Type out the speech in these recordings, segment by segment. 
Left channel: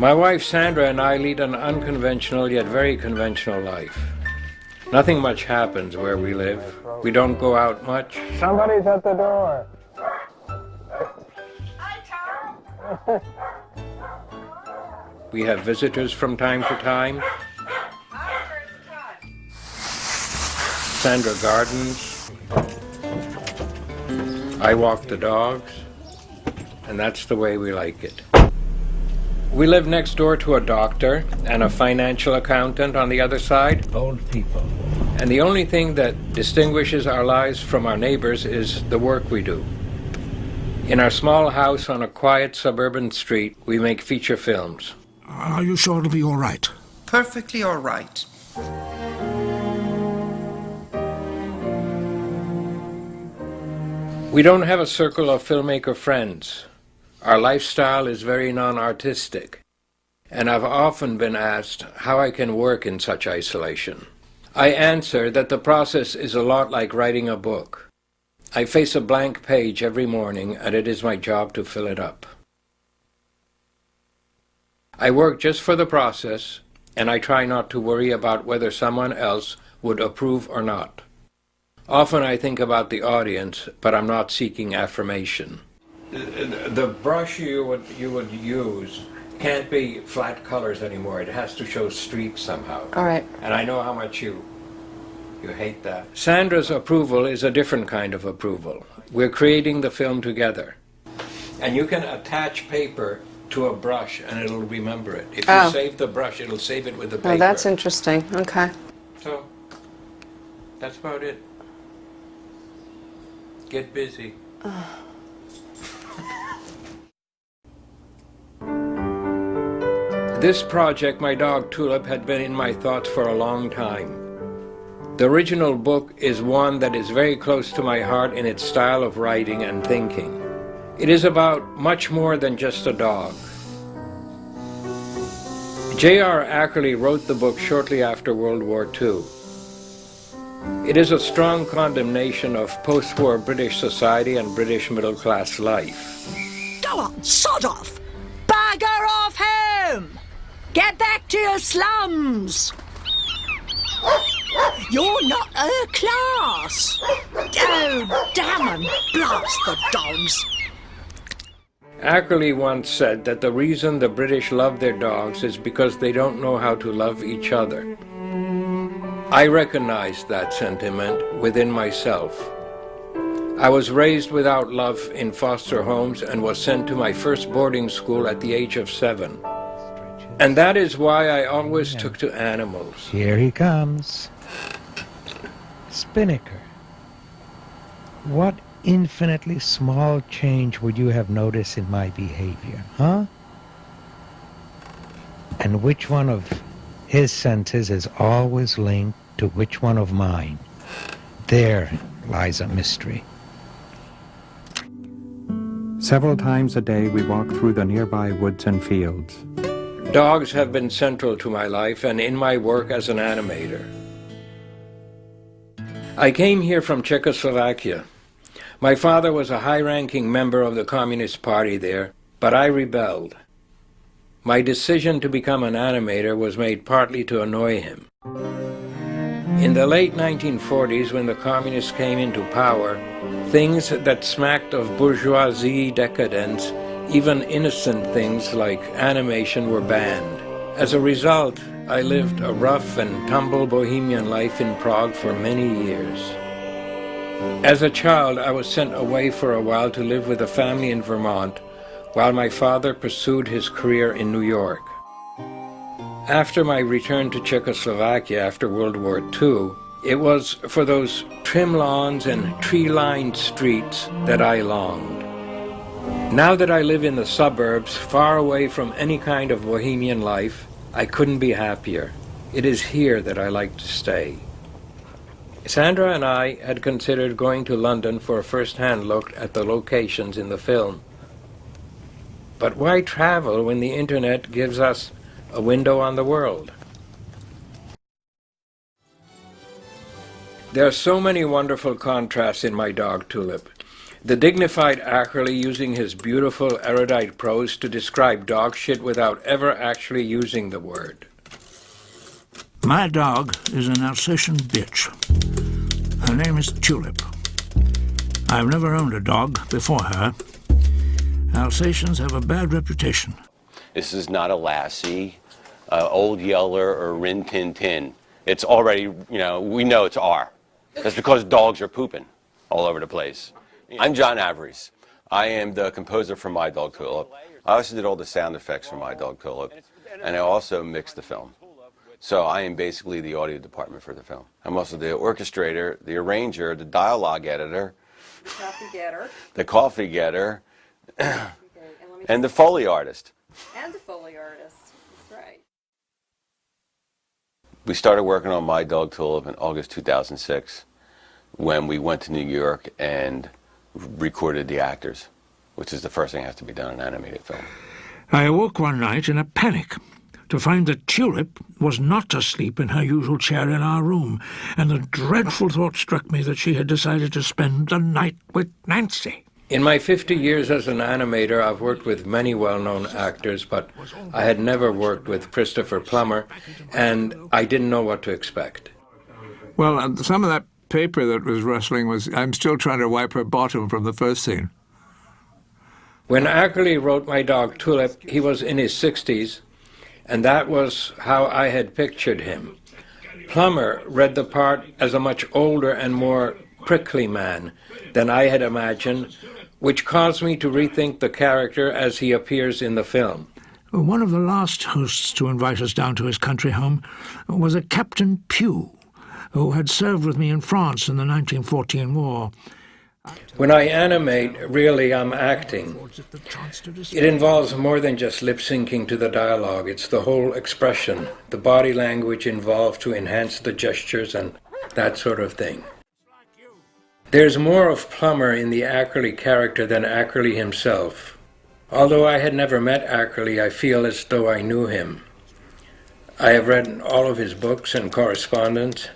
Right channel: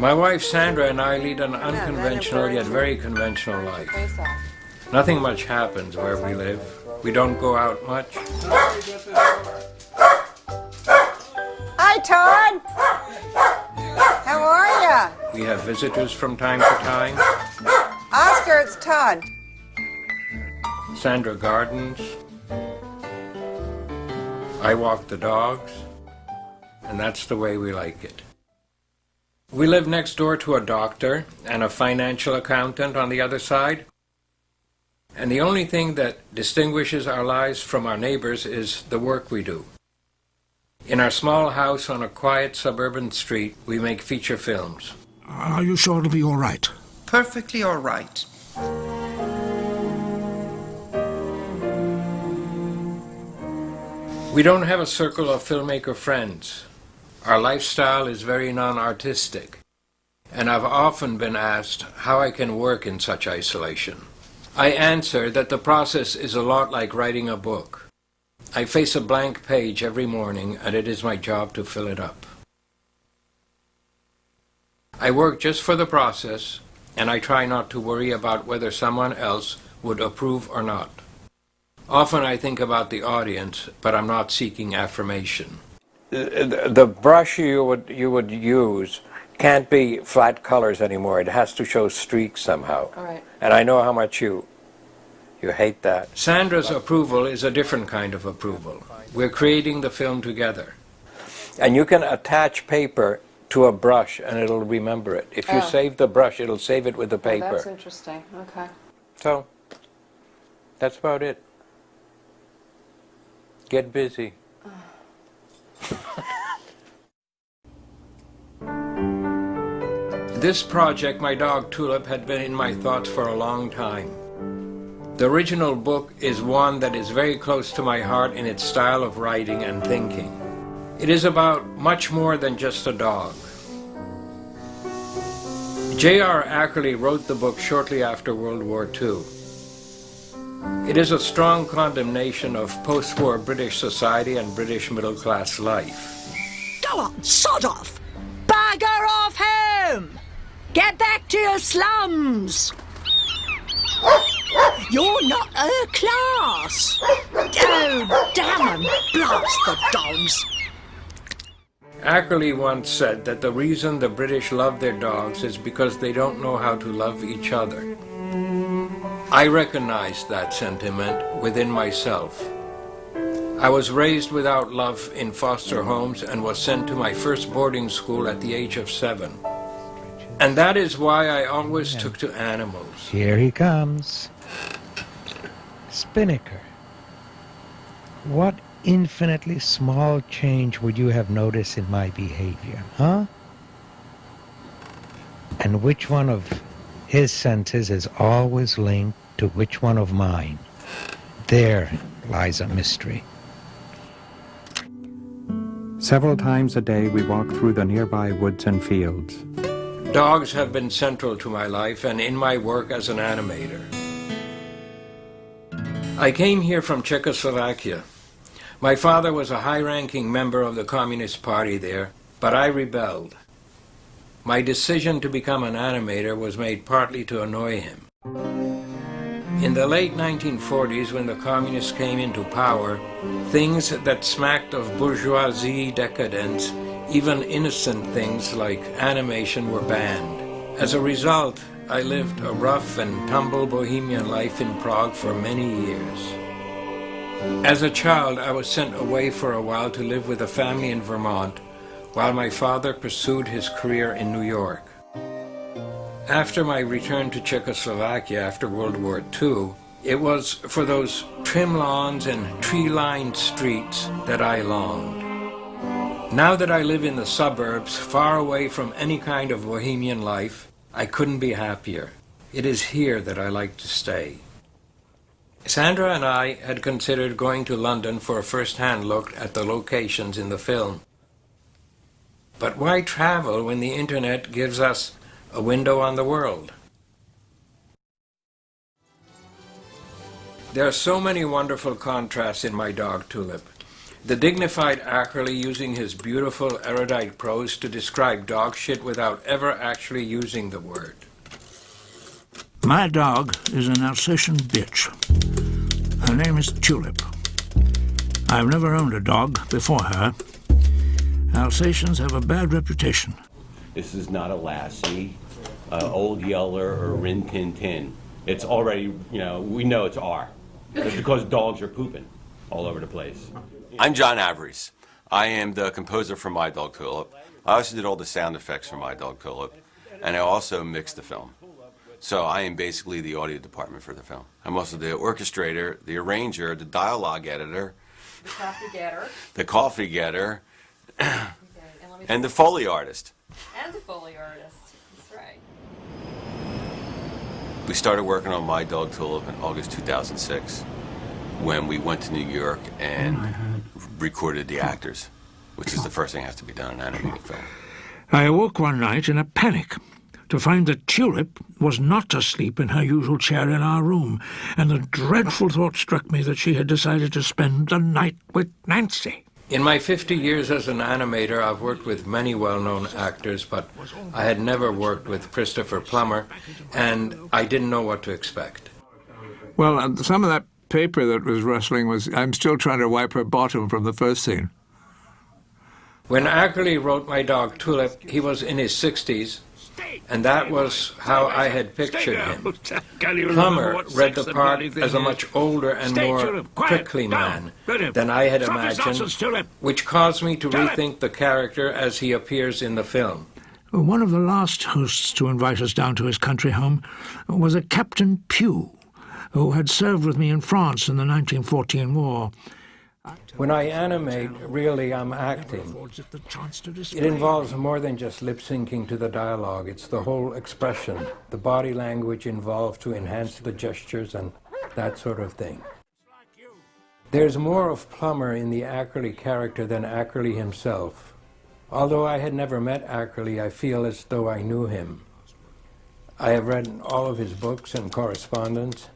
My wife Sandra and I lead an unconventional yet very conventional life. Nothing much happens where we live. We don't go out much. Somebody's at the door. Hi, Todd. How are ya? We have visitors from time to time. Oscar, it's Todd. Sandra gardens. I walk the dogs. And that's the way we like it. We live next door to a doctor and a financial accountant on the other side. Old people. And the only thing that distinguishes our lives from our neighbors is the work we do. In our small house on a quiet suburban street, we make feature films. Are you sure it'll be all right? Perfectly all right. We don't have a circle of filmmaker friends. Our lifestyle is very non-artistic, and I've often been asked how I can work in such isolation. I answer that the process is a lot like writing a book. I face a blank page every morning, and it is my job to fill it up. I work just for the process, and I try not to worry about whether someone else would approve or not. Often I think about the audience, but I'm not seeking affirmation. The brush you would use can't be flat colors anymore. It has to show streaks somehow. All right. And I know how much you hate that. Sandra's approval is a different kind of approval. We're creating the film together. And you can attach paper to a brush and it'll remember it. If you save the brush, it'll save it with the paper. Oh, that's interesting. Okay. So, that's about it. Get busy. This project, My Dog Tulip, had been in my thoughts for a long time. The original book is one that is very close to my heart in its style of writing and thinking. It is about much more than just a dog. J.R. Ackerley wrote the book shortly after World War II. It is a strong condemnation of post-war British society and British middle-class life. Go on, sod off! Bugger off home! Get back to your slums! You're not her class! Oh, damn 'em! Blast the dogs! Ackerley once said that the reason the British love their dogs is because they don't know how to love each other. I recognized that sentiment within myself. I was raised without love in foster homes and was sent to my first boarding school at the age of 7. And that is why I always took to animals. Here he comes. Spinnaker. What infinitely small change would you have noticed in my behavior, huh? And which one of his senses is always linked to which one of mine? There lies a mystery. Several times a day we walk through the nearby woods and fields. Dogs have been central to my life and in my work as an animator. I came here from Czechoslovakia. My father was a high-ranking member of the Communist Party there, but I rebelled. My decision to become an animator was made partly to annoy him. In the late 1940s, when the communists came into power, things that smacked of bourgeoisie decadence, even innocent things like animation, were banned. As a result, I lived a rough and tumble bohemian life in Prague for many years. As a child, I was sent away for a while to live with a family in Vermont, while my father pursued his career in New York. After my return to Czechoslovakia after World War II, it was for those trim lawns and tree-lined streets that I longed. Now that I live in the suburbs, far away from any kind of bohemian life, I couldn't be happier. It is here that I like to stay. Sandra and I had considered going to London for a first-hand look at the locations in the film. But why travel when the internet gives us a window on the world? There are so many wonderful contrasts in My Dog Tulip. The dignified Ackerley using his beautiful erudite prose to describe dog shit without ever actually using the word. My dog is an Alsatian bitch. Her name is Tulip. I've never owned a dog before her. Alsatians have a bad reputation. This is not a Lassie, Old Yeller, or Rin Tin Tin. It's already, we know it's R. That's because dogs are pooping all over the place. I'm John Averies. I am the composer for My Dog Tulip. I also did all the sound effects for My Dog Tulip, and I also mixed the film. So I am basically the audio department for the film. I'm also the orchestrator, the arranger, the dialogue editor, the coffee getter, and the Foley artist. And the Foley artist. That's right. We started working on My Dog Tulip in August 2006 when we went to New York and recorded the actors, which is the first thing that has to be done in an animated film. I awoke one night in a panic to find that Tulip was not asleep in her usual chair in our room, and the dreadful thought struck me that she had decided to spend the night with Nancy. In my 50 years as an animator, I've worked with many well-known actors, but I had never worked with Christopher Plummer, and I didn't know what to expect. Well, some of that paper that was rustling was, I'm still trying to wipe her bottom from the first scene. When Ackerley wrote My Dog Tulip, he was in his 60s, and that was how I had pictured him. Plummer read the part as a much older and more prickly man than I had imagined, which caused me to rethink the character as he appears in the film. One of the last hosts to invite us down to his country home was a Captain Pugh, who had served with me in France in the 1914 war. When I animate, really I'm acting. It involves more than just lip-syncing to the dialogue. It's the whole expression, the body language involved to enhance the gestures and that sort of thing. There's more of Plummer in the Ackerley character than Ackerley himself. Although I had never met Ackerley, I feel as though I knew him. I have read all of his books and correspondence,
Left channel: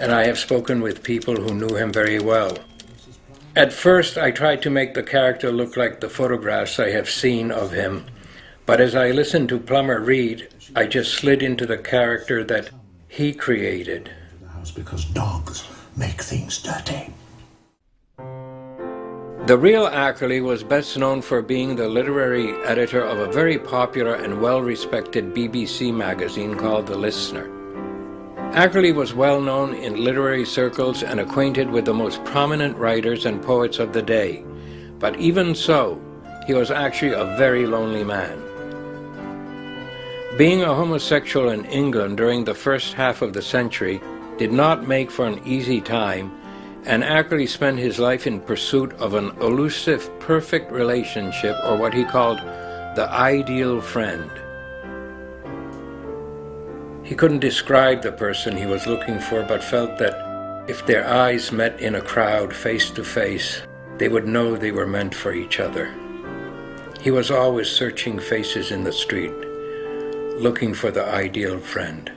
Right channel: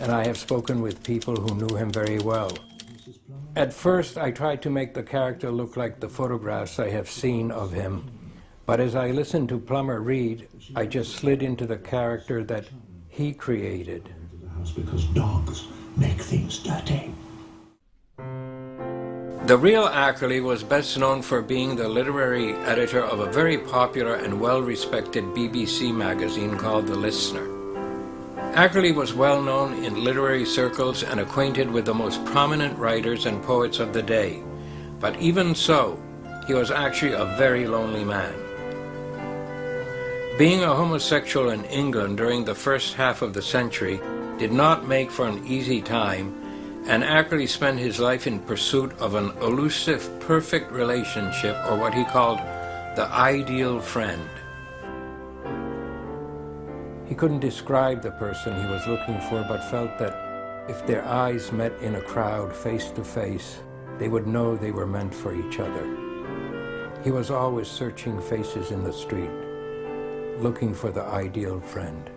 and I have spoken with people who knew him very well. At first, I tried to make the character look like the photographs I have seen of him, but as I listened to Plummer read, I just slid into the character that he created. Because dogs make things dirty. The real Ackerley was best known for being the literary editor of a very popular and well-respected BBC magazine called The Listener. Ackerley was well known in literary circles and acquainted with the most prominent writers and poets of the day. But even so, he was actually a very lonely man. Being a homosexual in England during the first half of the century did not make for an easy time, and Ackerley spent his life in pursuit of an elusive, perfect relationship, or what he called the ideal friend. He couldn't describe the person he was looking for, but felt that if their eyes met in a crowd face to face, they would know they were meant for each other. He was always searching faces in the street, looking for the ideal friend.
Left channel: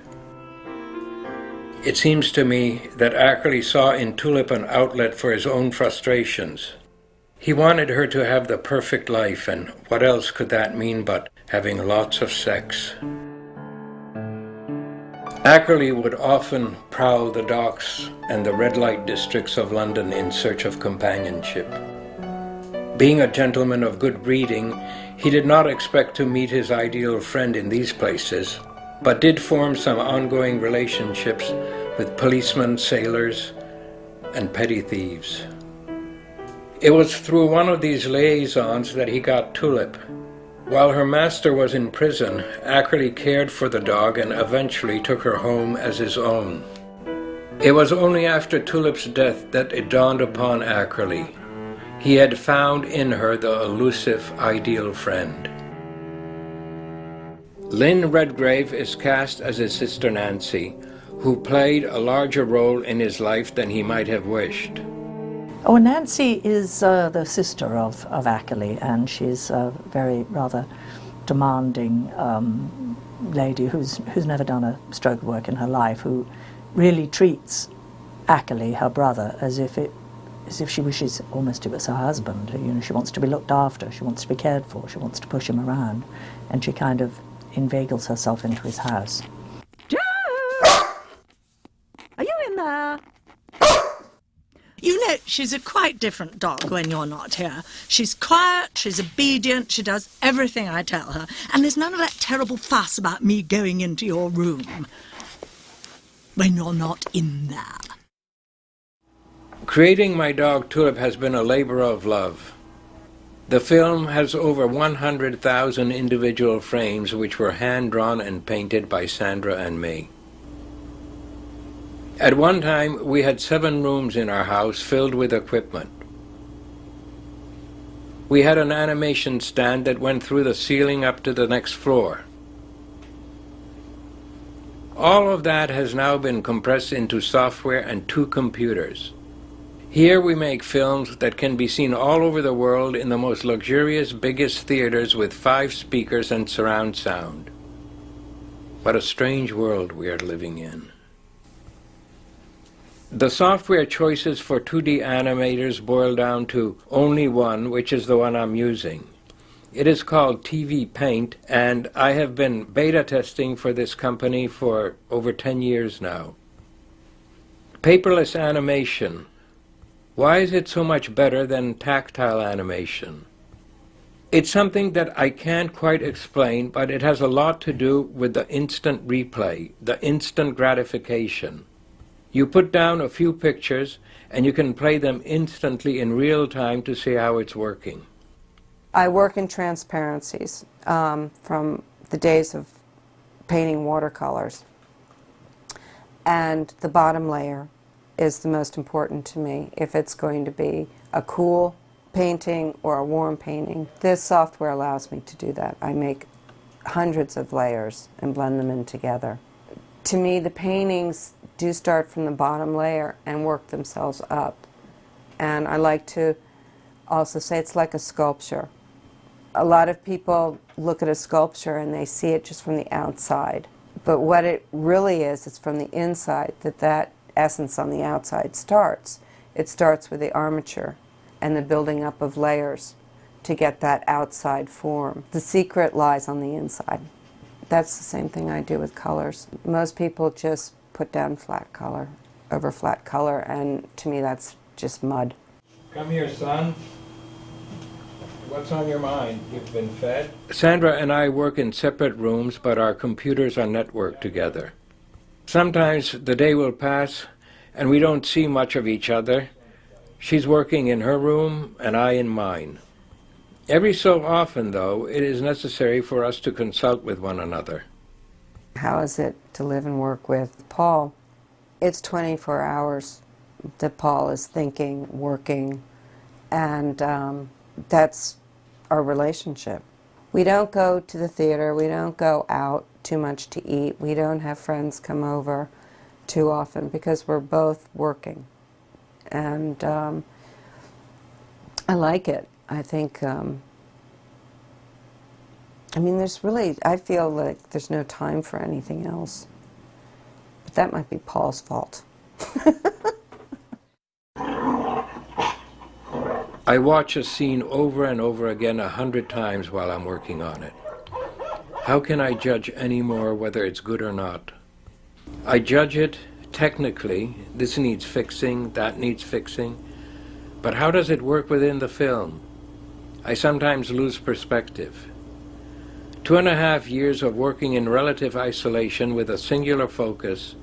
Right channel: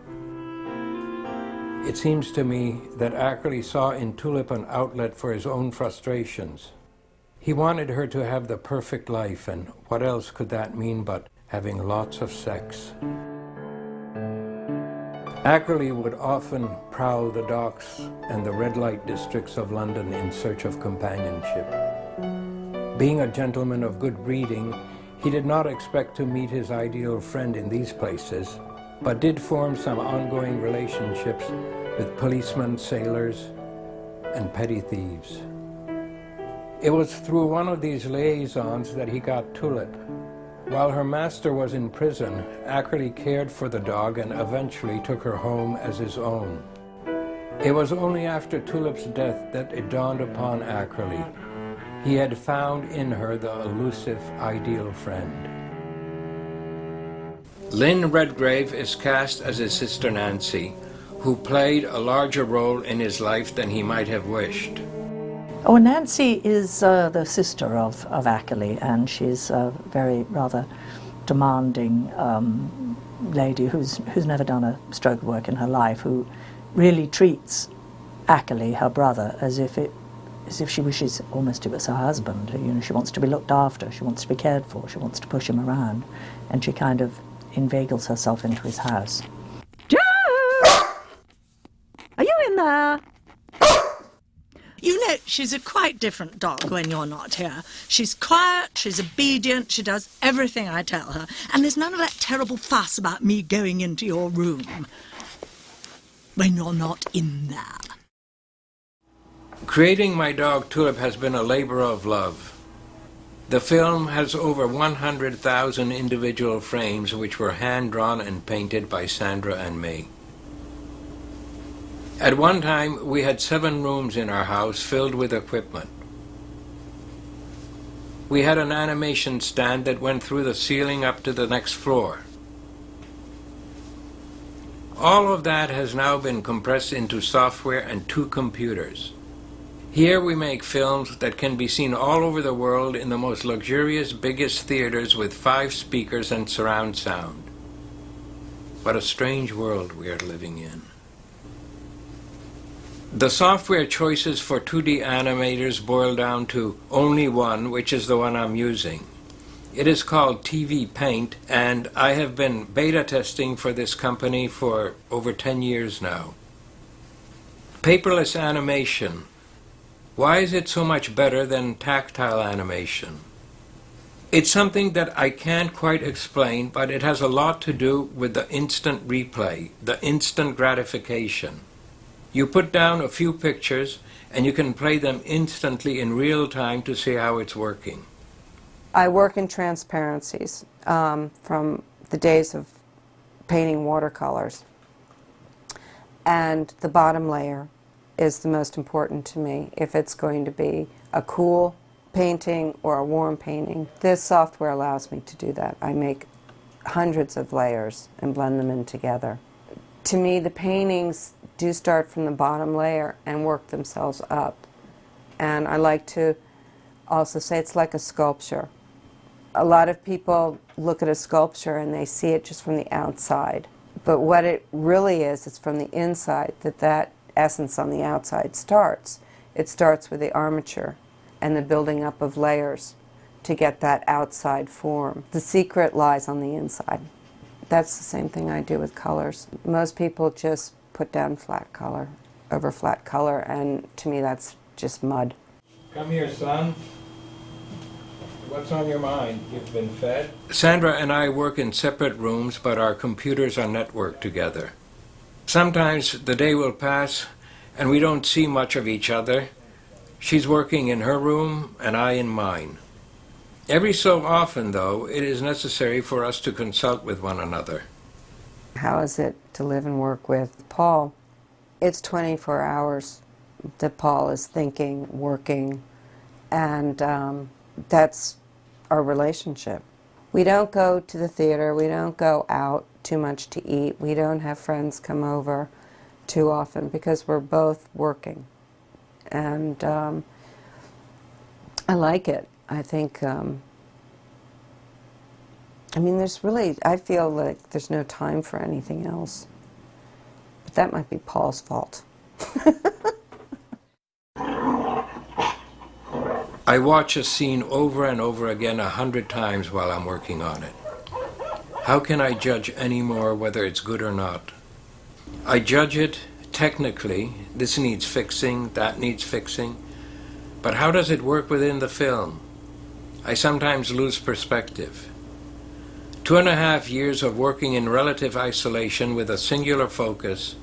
It seems to me that Ackerley saw in Tulip an outlet for his own frustrations. He wanted her to have the perfect life, and what else could that mean but having lots of sex? Ackerley would often prowl the docks and the red light districts of London in search of companionship. Being a gentleman of good breeding, he did not expect to meet his ideal friend in these places, but did form some ongoing relationships with policemen, sailors, and petty thieves. It was through one of these liaisons that he got Tulip. While her master was in prison, Ackerley cared for the dog and eventually took her home as his own. It was only after Tulip's death that it dawned upon Ackerley. He had found in her the elusive ideal friend. Lynn Redgrave is cast as his sister Nancy, who played a larger role in his life than he might have wished. Oh, Nancy is the sister of Ackerley, and she's a very rather demanding lady who's never done a stroke of work in her life, who really treats Ackerley, her brother, as if it as if she wishes almost it was her husband. You know, she wants to be looked after, she wants to be cared for, she wants to push him around, and she kind of inveigles herself into his house. Joe! Are you in there? You know, she's a quite different dog when you're not here. She's quiet, she's obedient, she does everything I tell her, and there's none of that terrible fuss about me going into your room when you're not in there. Creating my dog Tulip has been a labor of love. The film has over 100,000 individual frames which were hand-drawn and painted by Sandra and me. At one time, we had 7 rooms in our house filled with equipment. We had an animation stand that went through the ceiling up to the next floor. All of that has now been compressed into software and 2 computers. Here we make films that can be seen all over the world in the most luxurious, biggest theaters with 5 speakers and surround sound. What a strange world we are living in. The software choices for 2D animators boil down to only one, which is the one I'm using. It is called TV Paint, and I have been beta testing for this company for over 10 years now. Paperless animation. Why is it so much better than tactile animation? It's something that I can't quite explain, but it has a lot to do with the instant replay, the instant gratification. You put down a few pictures and you can play them instantly in real time to see how it's working. I work in transparencies from the days of painting watercolors. And the bottom layer is the most important to me if it's going to be a cool painting or a warm painting. This software allows me to do that. I make hundreds of layers and blend them in together. To me, the paintings do start from the bottom layer and work themselves up. And I like to also say it's like a sculpture. A lot of people look at a sculpture and they see it just from the outside. But what it really is, it's from the inside that essence on the outside starts. It starts with the armature and the building up of layers to get that outside form. The secret lies on the inside. That's the same thing I do with colors. Most people just put down flat color over flat color, and to me that's just mud. Come here, son. What's on your mind? You've been fed? Sandra and I work in separate rooms, but our computers are networked together. Sometimes the day will pass and we don't see much of each other. She's working in her room and I in mine. Every so often, though, it is necessary for us to consult with one another. How is it to live and work with Paul? It's 24 hours that Paul is thinking, working, and that's our relationship. We don't go to the theater, we don't go out too much to eat, we don't have friends come over too often because we're both working. And I like it. I think, I mean, I feel like there's no time for anything else. But that might be Paul's fault. I watch a scene over and over again 100 times while I'm working on it. How can I judge any more whether it's good or not? I judge it technically. This needs fixing, that needs fixing. But how does it work within the film? I sometimes lose perspective. 2.5 years of working in relative isolation with a singular focus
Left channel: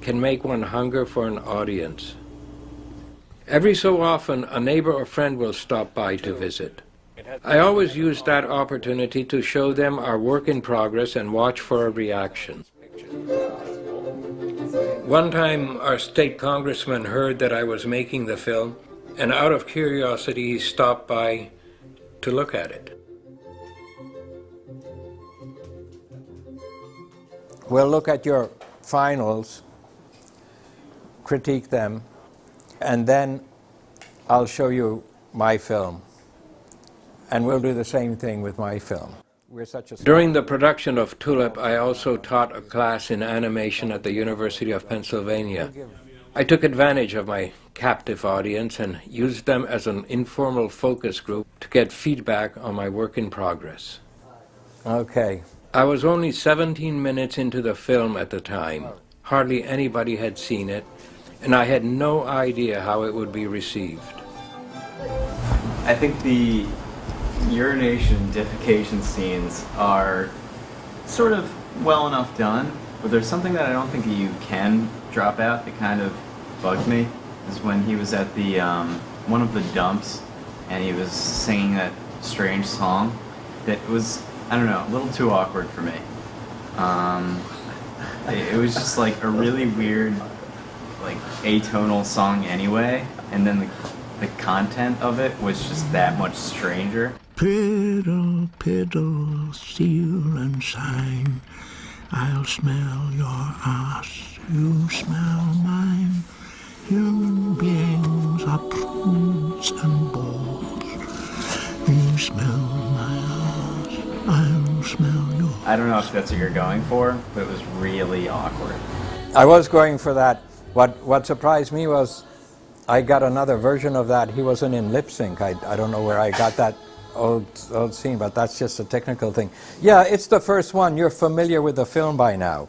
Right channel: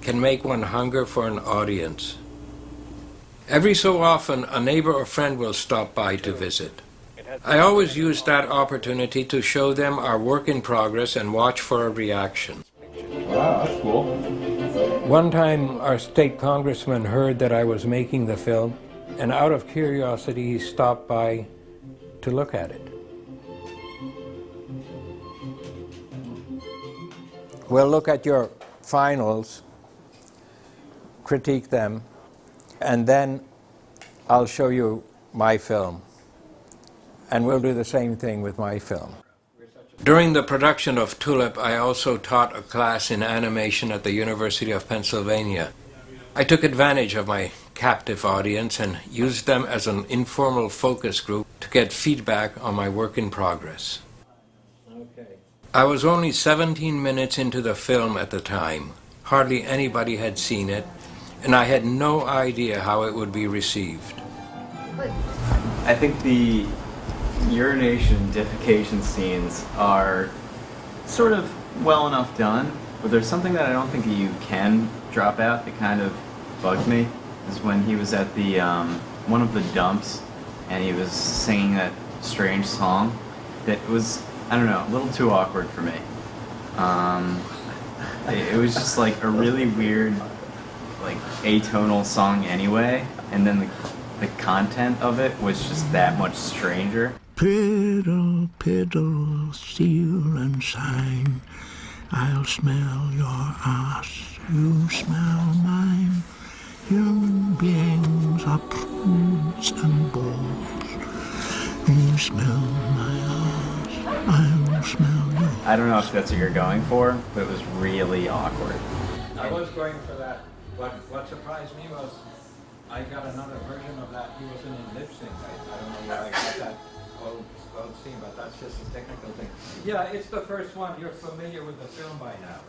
can make one hunger for an audience. Every so often, a neighbor or friend will stop by to visit. I always use that opportunity to show them our work in progress and watch for a reaction. Wow, that's cool. One time, our state congressman heard that I was making the film, and out of curiosity, he stopped by to look at it. We'll look at your finals, critique them, and then I'll show you my film. And we'll do the same thing with my film. During the production of Tulip, I also taught a class in animation at the University of Pennsylvania. I took advantage of my captive audience and used them as an informal focus group to get feedback on my work in progress. Okay. I was only 17 minutes into the film at the time. Hardly anybody had seen it, and I had no idea how it would be received. I think the urination, defecation scenes are sort of well enough done, but there's something that I don't think you can drop out that kind of bugged me, is when he was at the one of the dumps and he was singing that strange song that was, I don't know, a little too awkward for me. It was just like a really weird, like atonal song anyway, and then the content of it was just that much stranger. Piddle, piddle, steel and shine. I'll smell your ass, you smell mine. Human beings are prudes and bores. You smell my ass, I'll smell yours. I don't know if that's what you're going for, but it was really awkward. I was going for that. What surprised me was I got another version of that. He wasn't in lip sync. I don't know where I got that old scene, but that's just a technical thing. Yeah, it's the first one. You're familiar with the film by now,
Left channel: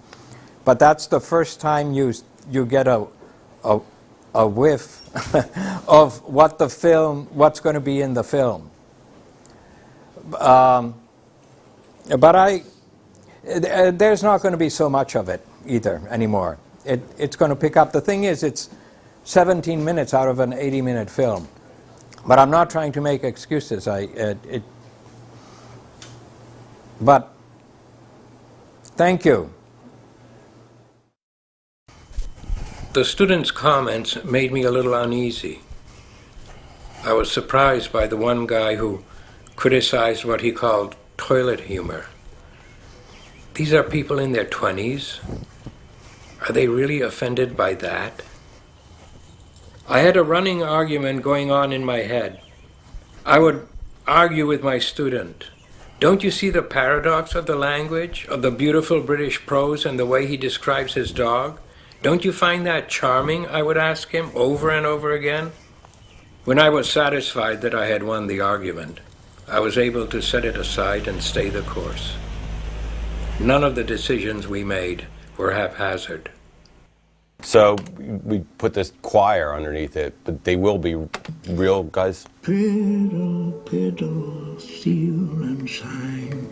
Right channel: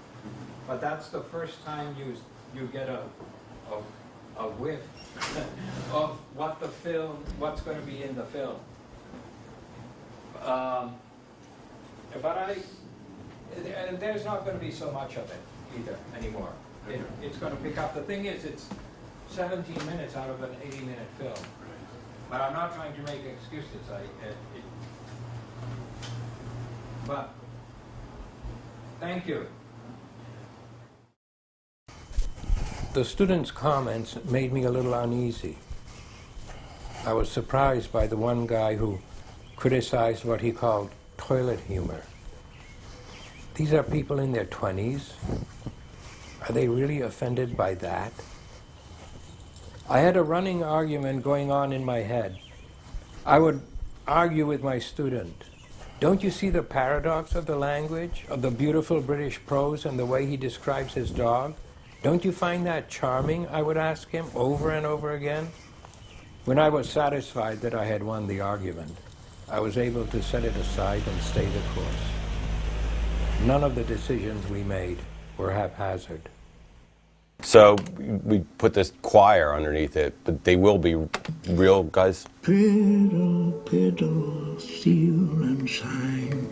but that's the first time you get a whiff of what's going to be in the film. But there's not going to be so much of it either anymore. It's going to pick up. The thing is, it's 17 minutes out of an 80-minute film. But I'm not trying to make excuses. But thank you. The students' comments made me a little uneasy. I was surprised by the one guy who criticized what he called toilet humor. These are people in their 20s. Are they really offended by that? I had a running argument going on in my head. I would argue with my student. Don't you see the paradox of the language, of the beautiful British prose and the way he describes his dog? Don't you find that charming? I would ask him over and over again. When I was satisfied that I had won the argument, I was able to set it aside and stay the course. None of the decisions we made were haphazard. So we put this choir underneath it, but they will be real guys. Piddle, piddle, steel and shine.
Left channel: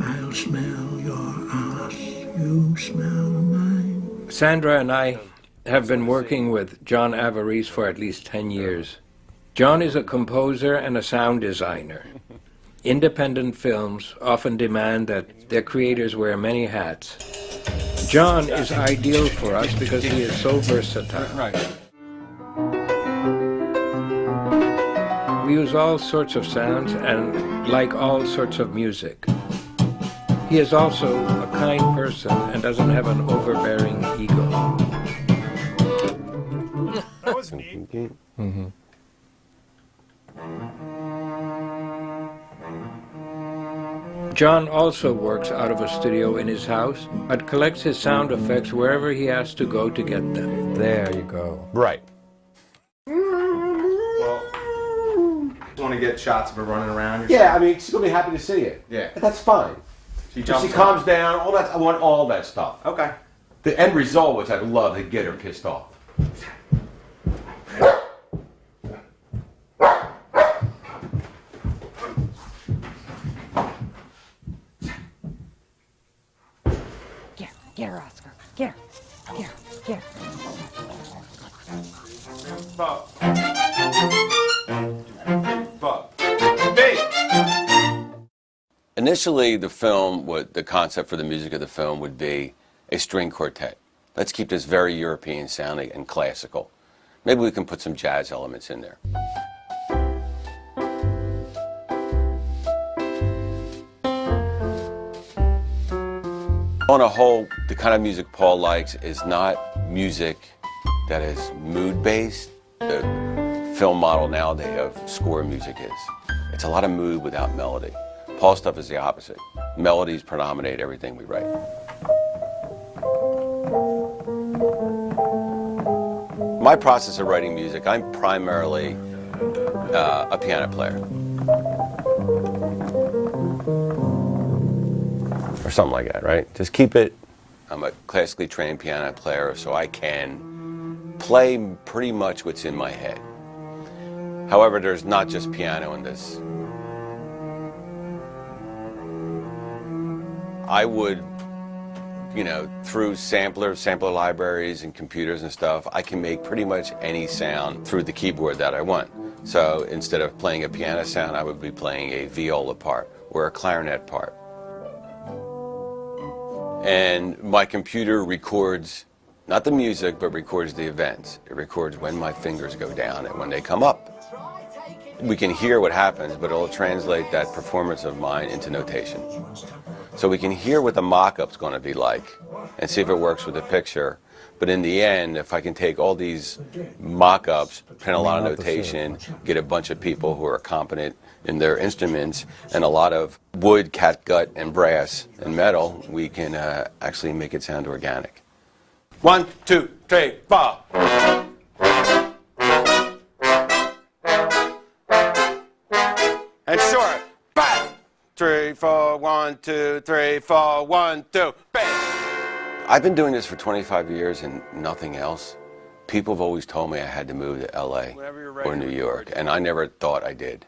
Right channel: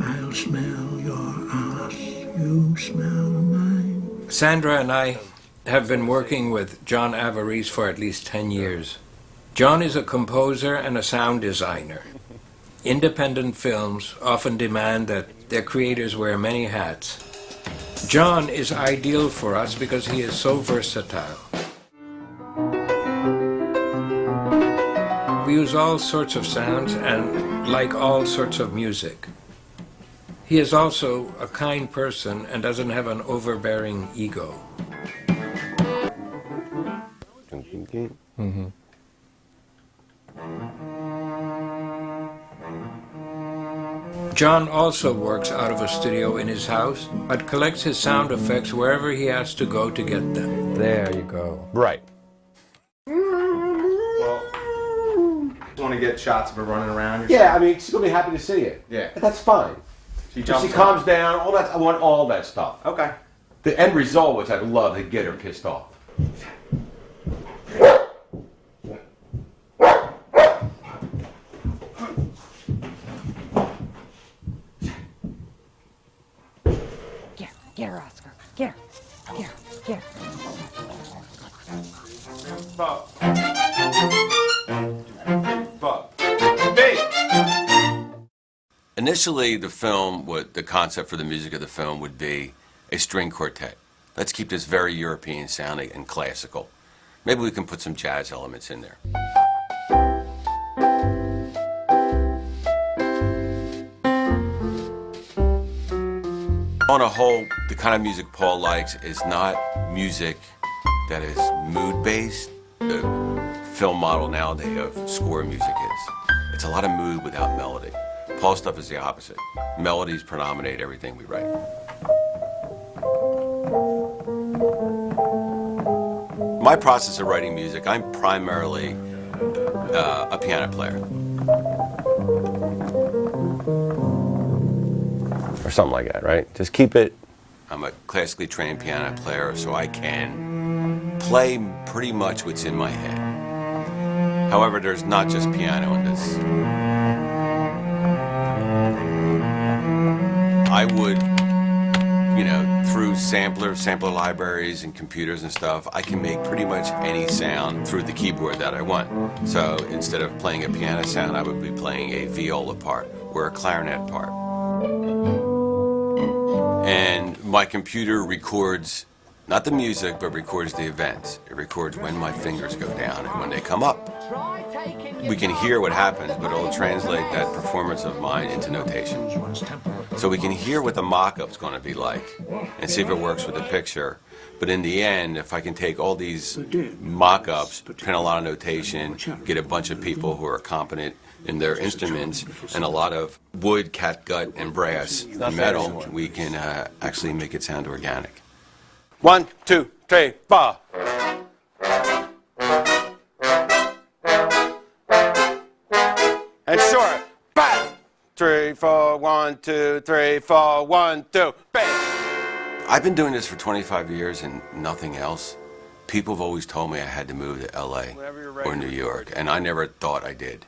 I'll smell your ass, you smell mine. Sandra and I have been working with John Avarice for at least 10 years. John is a composer and a sound designer. Independent films often demand that their creators wear many hats. John is ideal for us because he is so versatile. We use all sorts of sounds and like all sorts of music. He is also a kind person and doesn't have an overbearing ego. Mm-hmm. John also works out of a studio in his house, but collects his sound effects wherever he has to go to get them. There you go. Right. Well, just want to get shots of her running around. Yeah, I mean, she's going to be happy to see it. Yeah. That's fine. She calms down, all that. I want all that stuff. Okay. The end result was I'd love to get her pissed off. Get her, Oscar. Get her. Get her. Bob. Hey! Initially, the concept for the music of the film would be a string quartet. Let's keep this very European sounding and classical. Maybe we can put some jazz elements in there. On a whole, the kind of music Paul likes is not music that is mood-based. The film model nowadays of score music is. It's a lot of mood without melody. Paul's stuff is the opposite. Melodies predominate everything we write. My process of writing music, I'm primarily a piano player. Or something like that, right? Just keep it. I'm a classically trained piano player, so I can play pretty much what's in my head. However, there's not just piano in this. I would, through sampler libraries and computers and stuff, I can make pretty much any sound through the keyboard that I want. So instead of playing a piano sound, I would be playing a viola part or a clarinet part. And my computer records, not the music, but records the events. It records when my fingers go down and when they come up. We can hear what happens, but it'll translate that performance of mine into notation. So we can hear what the mock-up's going to be like and see if it works with the picture. But in the end, if I can take all these mock-ups, pin a lot of notation, get a bunch of people who are competent in their instruments, and a lot of wood, catgut, and brass and metal, we can actually make it sound organic. 1, 2, 3, 4. And short. 5, 3, 4, 1, 2, 3, 4, 1, 2, bang! I've been doing this for 25 years and nothing else. People have always told me I had to move to LA or New York, and I never thought I did.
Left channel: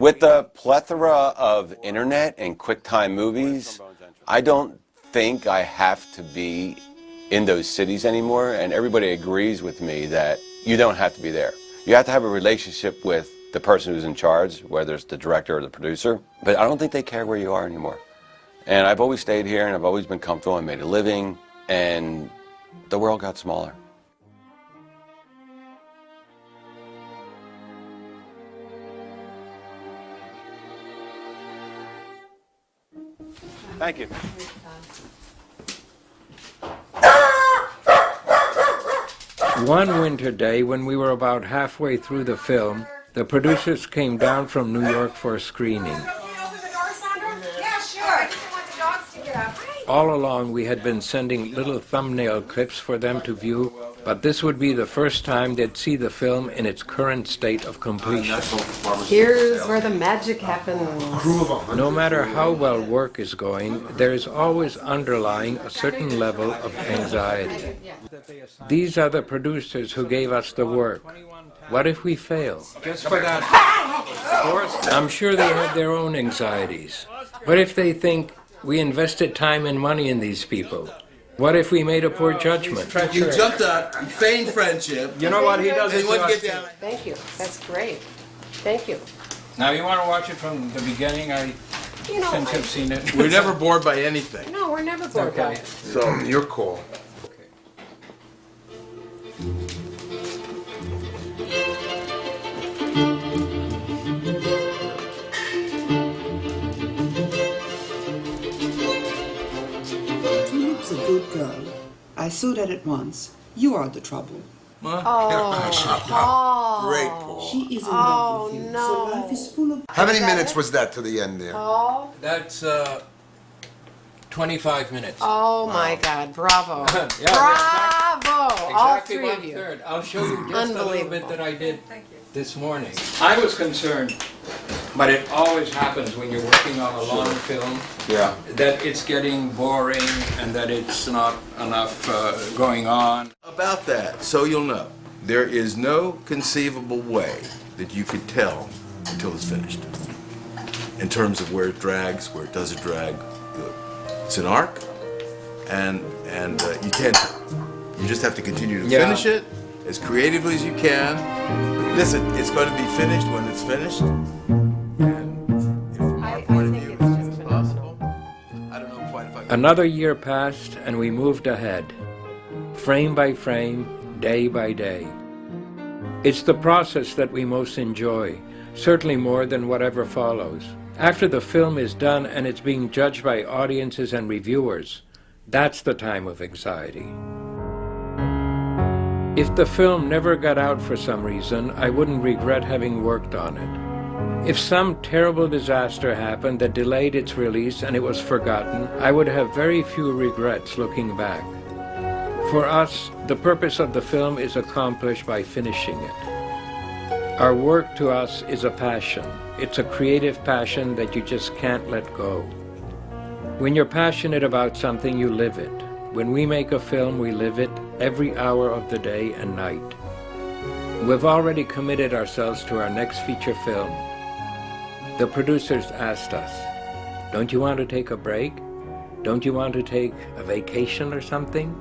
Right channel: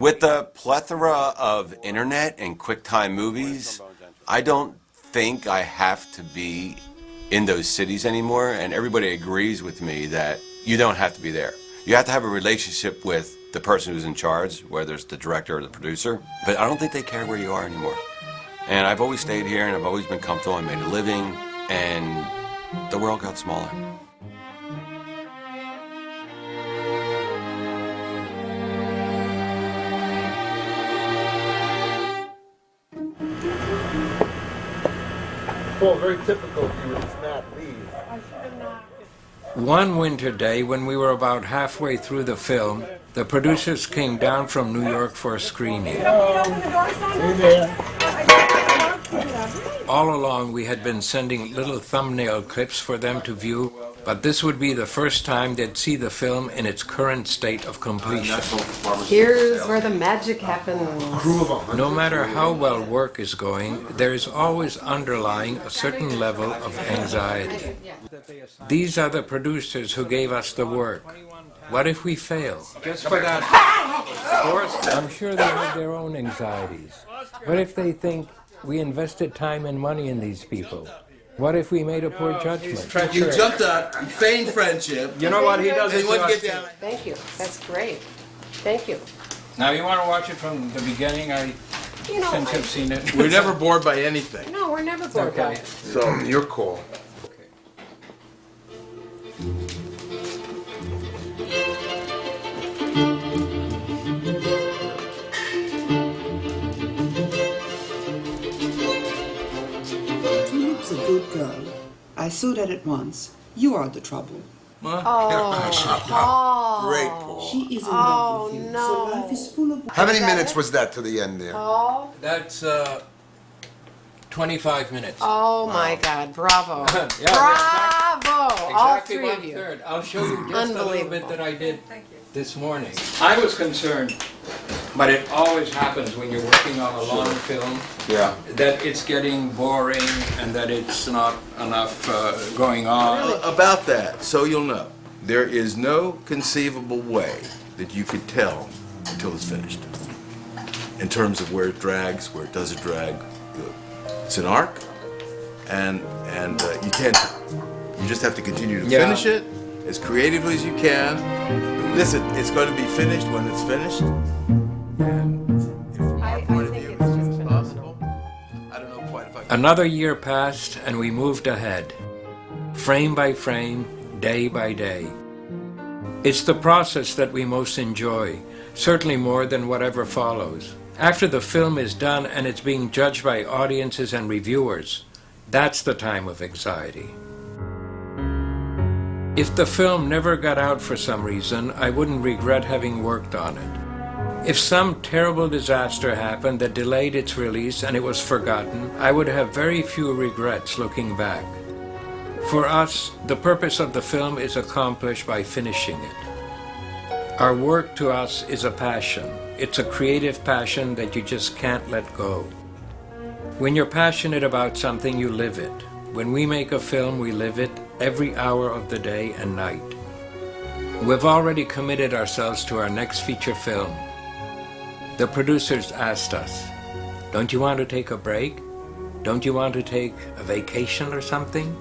With the plethora of internet and QuickTime movies, I don't think I have to be in those cities anymore, and everybody agrees with me that you don't have to be there. You have to have a relationship with the person who's in charge, whether it's the director or the producer, but I don't think they care where you are anymore. And I've always stayed here, and I've always been comfortable. I made a living, and the world got smaller. Thank you. Well, very typical. One winter day, when we were about halfway through the film, the producers came down from New York for a screening. All along, we had been sending little thumbnail clips for them to view, but this would be the first time they'd see the film in its current state of completion. Here's where the magic happens. No matter how well work is going, there is always underlying a certain level of anxiety. These are the producers who gave us the work. What if we fail? Just for that. Of course, I'm sure they have their own anxieties. What if they think we invested time and money in these people? What if we made a poor judgment? You jumped up, you feigned friendship. You know what he does? And you want to get down. Thank you. That's great. Thank you. Now, you want to watch it from the beginning? Since I've seen it. We're never bored by anything. No, we're never bored by it. So, your call. Tulip's a good girl. I saw that at once. You are the trouble. What? Oh, Great, Paul. She is in love with you. no. So life is full of... How many minutes was that to the end there? Oh, That's 25 minutes. oh my God! Bravo! Yeah, Bravo! All Exactly three of you. 1/3. I'll show you just a little bit Unbelievable. that I did this morning. I was concerned, but it always happens when you're working on a long film, Yeah. that it's getting boring and that it's not enough going on. About that, so you'll know, there is no conceivable way that you could tell until it's finished. In terms of where it drags, where it doesn't drag. It's an arc, and you can't. You just have to continue to finish it as creatively as you can. Listen, it's going to be finished when it's finished. And if from our point of view it's possible, I don't know quite if I can. Another year passed and we moved ahead, frame by frame, day by day. It's the process that we most enjoy, certainly more than whatever follows. After the film is done and it's being judged by audiences and reviewers, that's the time of anxiety. If the film never got out for some reason, I wouldn't regret having worked on it. If some terrible disaster happened that delayed its release and it was forgotten, I would have very few regrets looking back. For us, the purpose of the film is accomplished by finishing it. Our work to us is a passion. It's a creative passion that you just can't let go. When you're passionate about something, you live it. When we make a film, we live it every hour of the day and night. We've already committed ourselves to our next feature film. The producers asked us, "Don't you want to take a break? Don't you want to take a vacation or something?"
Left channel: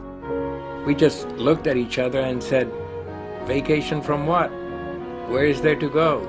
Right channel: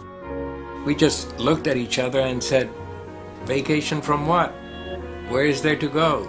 We just looked at each other and said, "Vacation from what? Where is there to go?"